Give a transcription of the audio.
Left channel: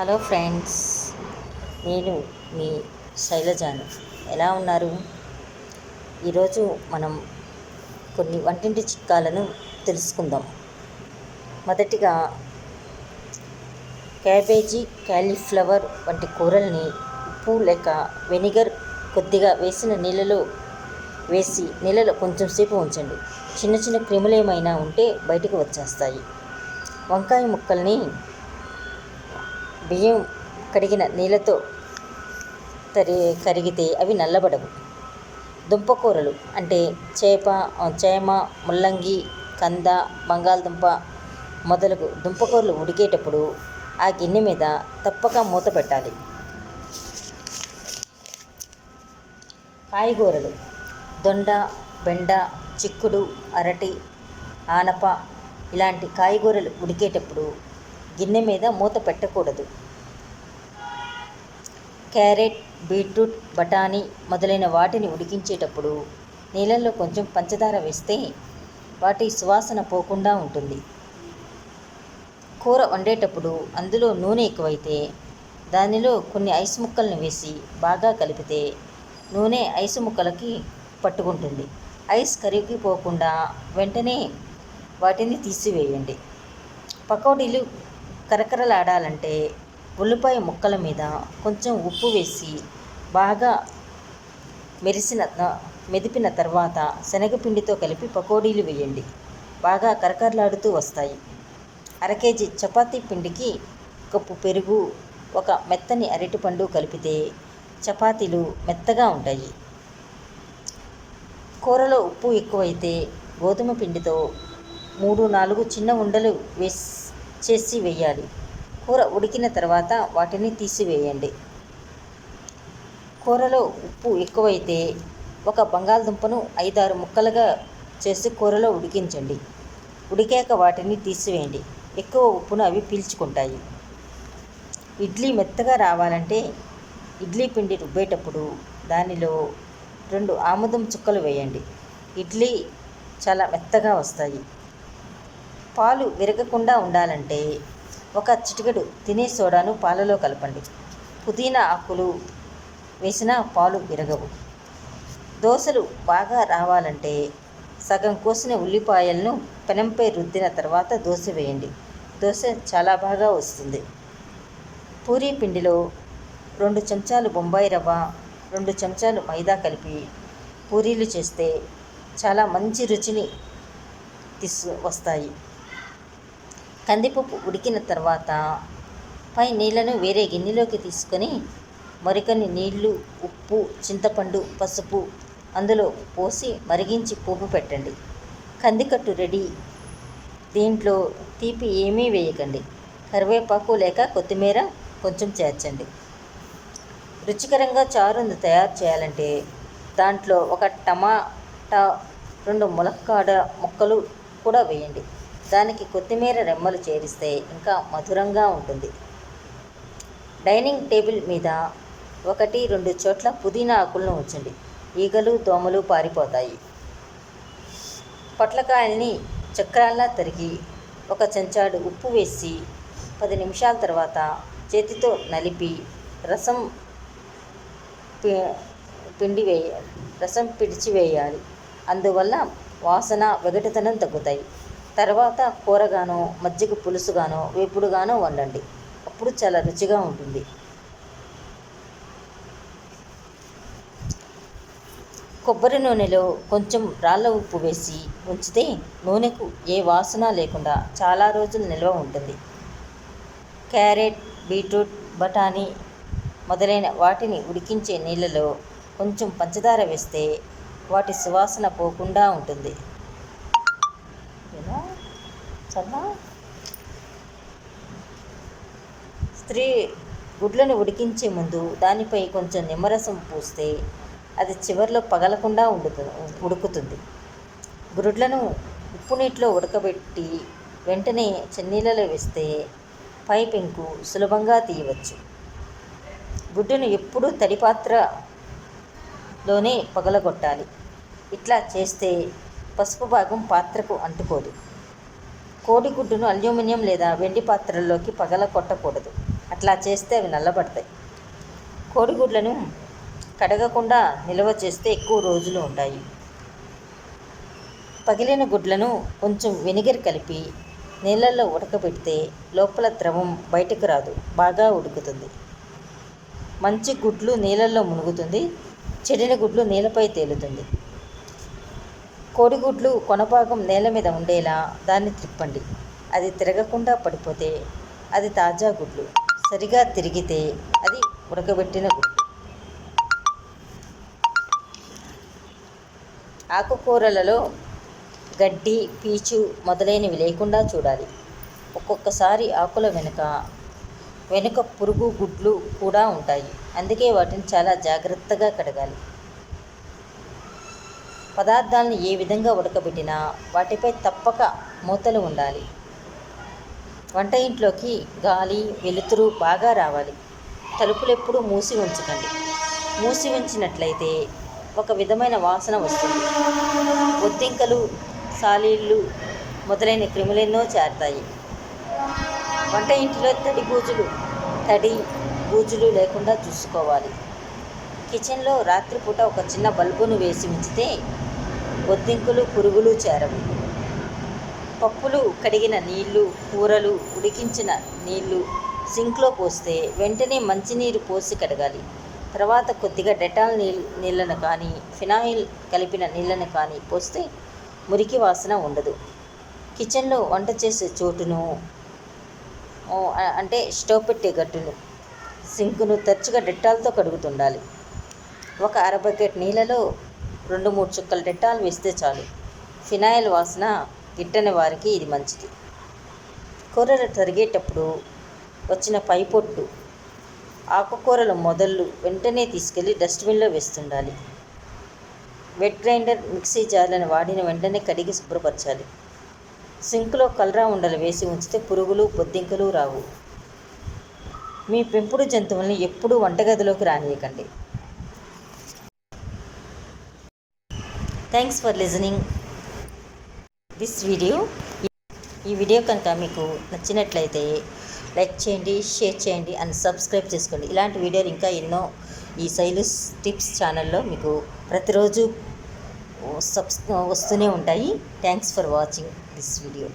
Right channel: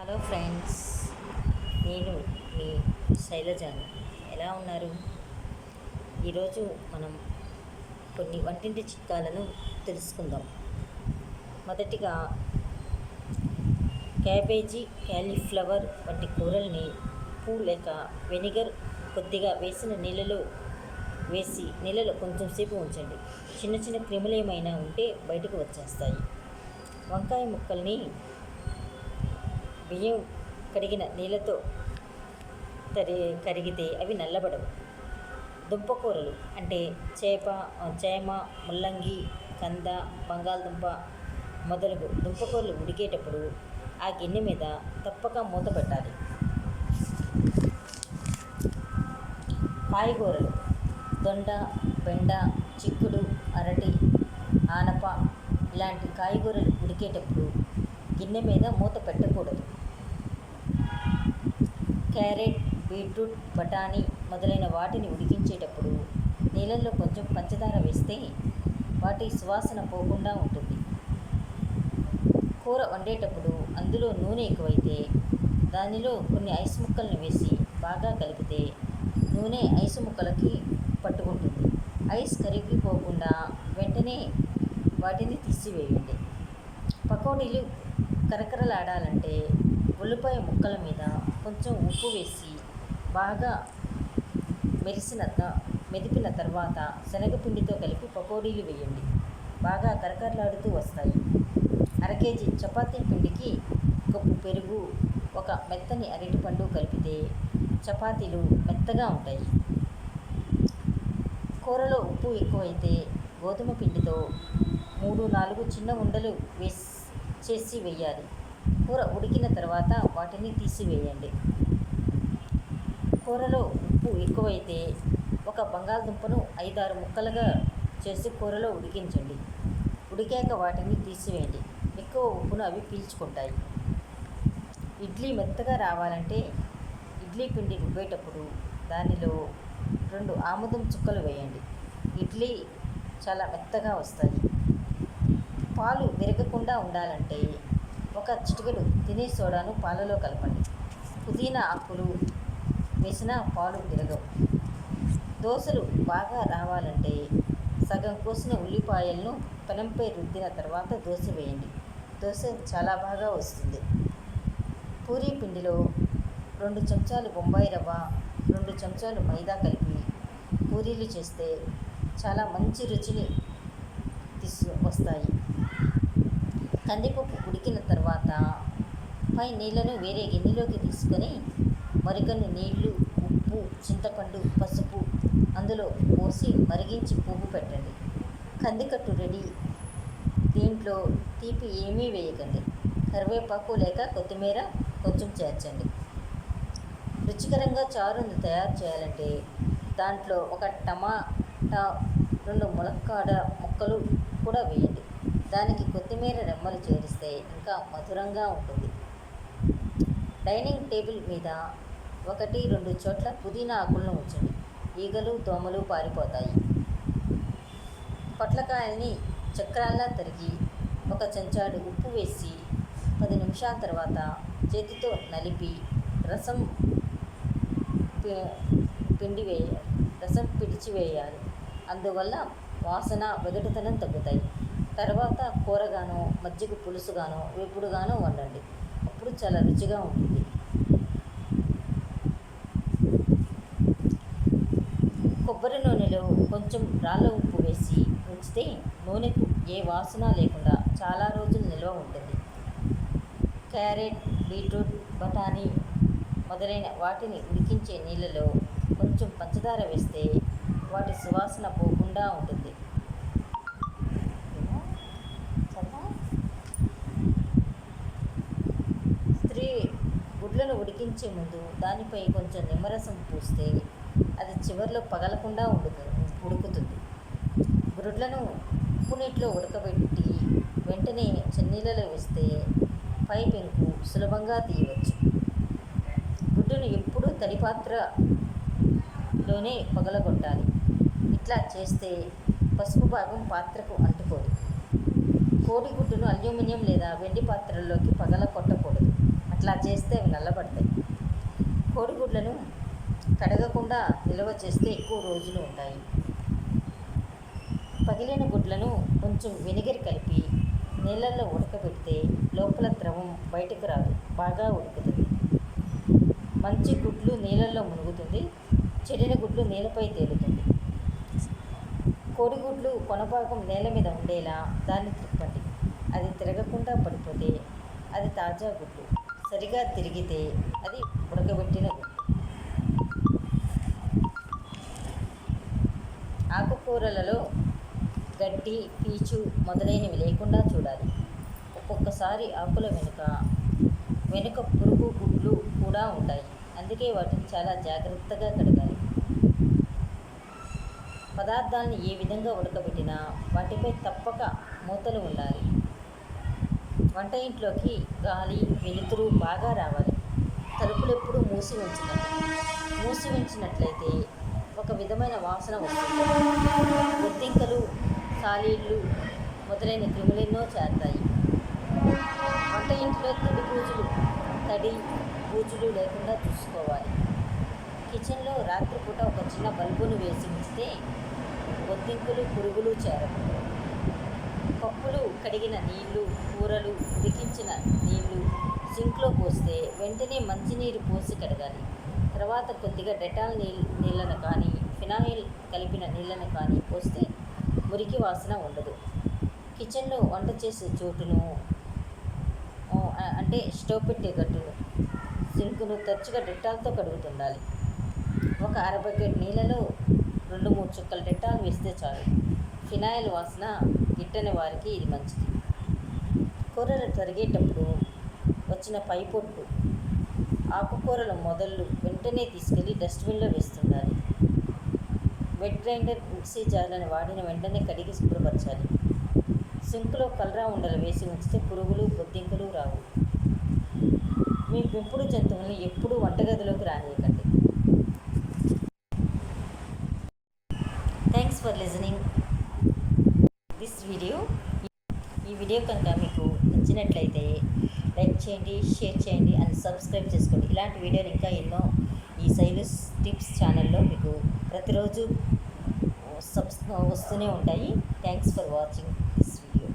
Hello friends, నేను మీ శైలజాను. ఎలా ఉన్నారు? ఈరోజు మనం కొన్ని వంటింటి చిట్కాలను తెలుసుకుందాం. మొదటిగా క్యాబేజీ, క్యాలీఫ్లవర్ వంటి కూరల్ని ఉప్పు లేక వెనిగర్ కొద్దిగా వేసిన నీళ్ళలో కొంచెం సేపు ఉంచండి. చిన్న చిన్న క్రిములు ఏమైనా ఉంటే బయటకు వచ్చేస్తాయి. వంకాయ ముక్కల్ని బియ్యం కడిగిన నీళ్ళతో కరిగితే అవి నల్లబడవు. దుంపకూరలు అంటే చేమ, ముల్లంగి, కంద, బంగాళదుంప మొదలగు దుంపకూరలు ఉడికేటప్పుడు ఆ గిన్నె మీద తప్పక మూత పెట్టాలి. కాయగూరలు దొండ, బెండ, చిక్కుడు, అరటి, ఆనప ఇలాంటి కాయగూరలు ఉడికేటప్పుడు గిన్నె మీద మూత పెట్టకూడదు. క్యారెట్, బీట్రూట్, బఠానీ మొదలైన వాటిని ఉడికించేటప్పుడు నీళ్ళల్లో కొంచెం పంచదార వేస్తే వాటి సువాసన పోకుండా ఉంటుంది. కూర వండేటప్పుడు అందులో నూనె ఎక్కువైతే దానిలో కొన్ని ఐస్ ముక్కలను వేసి బాగా కలిపితే నూనె ఐసు ముక్కలకి పట్టుకుంటుంది. ఐస్ కరిగిపోకుండా వెంటనే వాటిని తీసివేయండి. పకోడీలు కరకరలాడాలంటే ఉల్లిపాయ ముక్కల మీద కొంచెం ఉప్పు వేసి బాగా మెదిపిన తర్వాత శనగపిండితో కలిపి పకోడీలు వేయండి. బాగా కరకరలాడుతూ వస్తాయి. అరకేజీ చపాతీ పిండికి కప్పు పెరుగు, ఒక మెత్తని అరటిపండు కలిపితే చపాతీలు మెత్తగా ఉంటాయి. కూరలో ఉప్పు ఎక్కువైతే గోధుమ పిండితో 3-4 చిన్న ఉండలు చేసి వేయాలి. కూర ఉడికిన తర్వాత వాటిని తీసివేయండి. కూరలో ఉప్పు ఎక్కువైతే ఒక బంగాళదుంపను 5-6 ముక్కలుగా చేసి కూరలో ఉడికించండి. ఉడికాక వాటిని తీసివేయండి. ఎక్కువ ఉప్పును అవి పీల్చుకుంటాయి. ఇడ్లీ మెత్తగా రావాలంటే ఇడ్లీ పిండి రుబ్బేటప్పుడు దానిలో 2 ఆముదం చుక్కలు వేయండి. ఇడ్లీ చాలా మెత్తగా వస్తాయి. పాలు విరగకుండా ఉండాలంటే ఒక చిటికెడు తినే సోడాను పాలలో కలపండి. పుదీనా ఆకులు వేసిన పాలు విరగవు. దోశలు బాగా రావాలంటే సగం కోసిన ఉల్లిపాయలను పెనంపై రుద్దిన తర్వాత దోశ వేయండి. దోశ చాలా బాగా వస్తుంది. పూరీ పిండిలో 2 చెంచాలు బొంబాయి రవ్వ, 2 చెంచాలు మైదా కలిపి పూరీలు చేస్తే చాలా మంచి రుచిని వస్తాయి. కందిపప్పు ఉడికిన తర్వాత పై నీళ్లను వేరే గిన్నెలోకి తీసుకొని మరికొన్ని నీళ్లు, ఉప్పు, చింతపండు, పసుపు అందులో పోసి మరిగించి పోపు పెట్టండి. కందికట్టు రెడీ. దీంట్లో తీపి ఏమీ వేయకండి. కరివేపాకు లేక కొత్తిమీర కొంచెం చేర్చండి. రుచికరంగా చారును తయారు చేయాలంటే దాంట్లో ఒక టమాటా, 2 ములక్కాడ ముక్కలు కూడా వేయండి. దానికి కొత్తిమీర రెమ్మలు చేరిస్తే ఇంకా మధురంగా ఉంటుంది. డైనింగ్ టేబుల్ మీద 1-2 చోట్ల పుదీనా ఆకులను ఉంచండి. ఈగలు, దోమలు పారిపోతాయి. పొట్లకాయల్ని చక్రాల్లా తరిగి 1 చెంచాడు ఉప్పు వేసి 10 నిమిషాల తర్వాత చేతితో నలిపి రసం పిడిచివేయాలి. అందువల్ల వాసన, వెగటుతనం తగ్గుతాయి. తర్వాత కూరగానో, మజ్జిగ పులుసుగానో, వేపుడుగానో వండండి. అప్పుడు చాలా రుచిగా ఉంటుంది. కొబ్బరి నూనెలో కొంచెం రాళ్ళ ఉప్పు వేసి ఉంచితే నూనెకు ఏ వాసన లేకుండా చాలా రోజులు నిల్వ ఉంటుంది. క్యారెట్, బీట్రూట్, బఠానీ మొదలైన వాటిని ఉడికించే నీళ్ళలో కొంచెం పంచదార వేస్తే వాటి సువాసన పోకుండా ఉంటుంది. స్త్రీ గుడ్లను ఉడికించే ముందు దానిపై కొంచెం నిమ్మరసం పూస్తే అది చివర్లో పగలకుండా ఉడుకుతుంది. గుడ్లను ఉప్పు నీటిలో ఉడకబెట్టి వెంటనే చన్నీళ్ళలో వేస్తే పై పెంకు సులభంగా తీయవచ్చు. గుడ్డును ఎప్పుడూ తడి పాత్రలోనే పగలగొట్టాలి. ఇట్లా చేస్తే పసుపు భాగం పాత్రకు అంటుకోదు. కోడిగుడ్డును అల్యూమినియం లేదా వెండి పాత్రల్లోకి పగలగొట్టకూడదు. అట్లా చేస్తే అవి నల్లబడతాయి. కోడిగుడ్లను కడగకుండా నిల్వ చేస్తే ఎక్కువ రోజులు ఉంటాయి. పగిలిన గుడ్లను కొంచెం వెనిగర్ కలిపి నీళ్ళల్లో ఉడకబెడితే లోపల ద్రవం బయటకు రాదు, బాగా ఉడుకుతుంది. మంచి గుడ్లు నీళ్ళల్లో మునుగుతుంది, చెడిన గుడ్లు నేలపై తేలుతుంది. కోడిగుడ్లు కొనభాగం నేల మీద ఉండేలా దాన్ని త్రిప్పండి. అది తిరగకుండా పడిపోతే అది తాజా గుడ్లు, సరిగా తిరిగితే అది ఉడకబెట్టిన గుడ్లు. ఆకుకూరలలో గడ్డి, పీచు మొదలైనవి లేకుండా చూడాలి. ఒక్కొక్కసారి ఆకుల వెనుక పురుగు గుడ్లు కూడా ఉంటాయి. అందుకే వాటిని చాలా జాగ్రత్తగా కడగాలి. పదార్థాలను ఏ విధంగా ఉడకబెట్టినా వాటిపై తప్పక మూతలు ఉండాలి. వంట ఇంట్లోకి గాలి, వెలుతురు బాగా రావాలి. తలుపులు ఎప్పుడూ మూసి ఉంచకండి. మూసి ఉంచినట్లయితే ఒక విధమైన వాసన వస్తుంది. బొద్దింకలు, సాలీళ్ళు మొదలైన క్రిములెన్నో చేరతాయి. వంట ఇంటిలో తడి బూజులు లేకుండా చూసుకోవాలి. కిచెన్లో రాత్రిపూట ఒక చిన్న బల్బును వేసి ఉంచితే బొద్దింకలు, పురుగులు చేరవు. పప్పులు కడిగిన నీళ్లు, కూరలు ఉడికించిన నీళ్లు సింక్లో పోస్తే వెంటనే మంచినీరు పోసి కడగాలి. తర్వాత కొద్దిగా డెటాల్ నీళ్ళను కానీ, ఫినాయిల్ కలిపిన నీళ్ళను కానీ పోస్తే మురికి వాసన ఉండదు. కిచెన్లో వంట చేసే చోటును అంటే స్టవ్ పెట్టే గట్టును, సింకును తరచుగా డెటాల్తో కడుగుతుండాలి. ఒక అర బకెట్ నీళ్ళలో 2-3 చుక్కలు డెటాల్ వేస్తే చాలు. ఫినాయిల్ వాసన గిట్టని వారికి ఇది మంచిది. కూరలు తరిగేటప్పుడు వచ్చిన పైపొట్టు, ఆకుకూరల మొదళ్ళు వెంటనే తీసుకెళ్ళి డస్ట్బిన్లో వేస్తుండాలి. వెట్ గ్రైండర్, మిక్సీ జార్లను వాడిన వెంటనే కడిగి శుభ్రపరచాలి. సింకులో కలరా ఉండలు వేసి ఉంచితే పురుగులు, బొద్దింకలు రావు. మీ పెంపుడు జంతువుల్ని ఎప్పుడూ వంటగదిలోకి రానియకండి. Thanks for listening this video. ఈ వీడియో కనుక మీకు నచ్చినట్లయితే లైక్ చేయండి, షేర్ చేయండి అండ్ సబ్స్క్రైబ్ చేసుకోండి. ఇలాంటి వీడియోలు ఇంకా ఎన్నో ఈ శైలుస్ టిప్స్ ఛానల్లో మీకు ప్రతిరోజు వస్తూనే ఉంటాయి. Thanks for watching this video.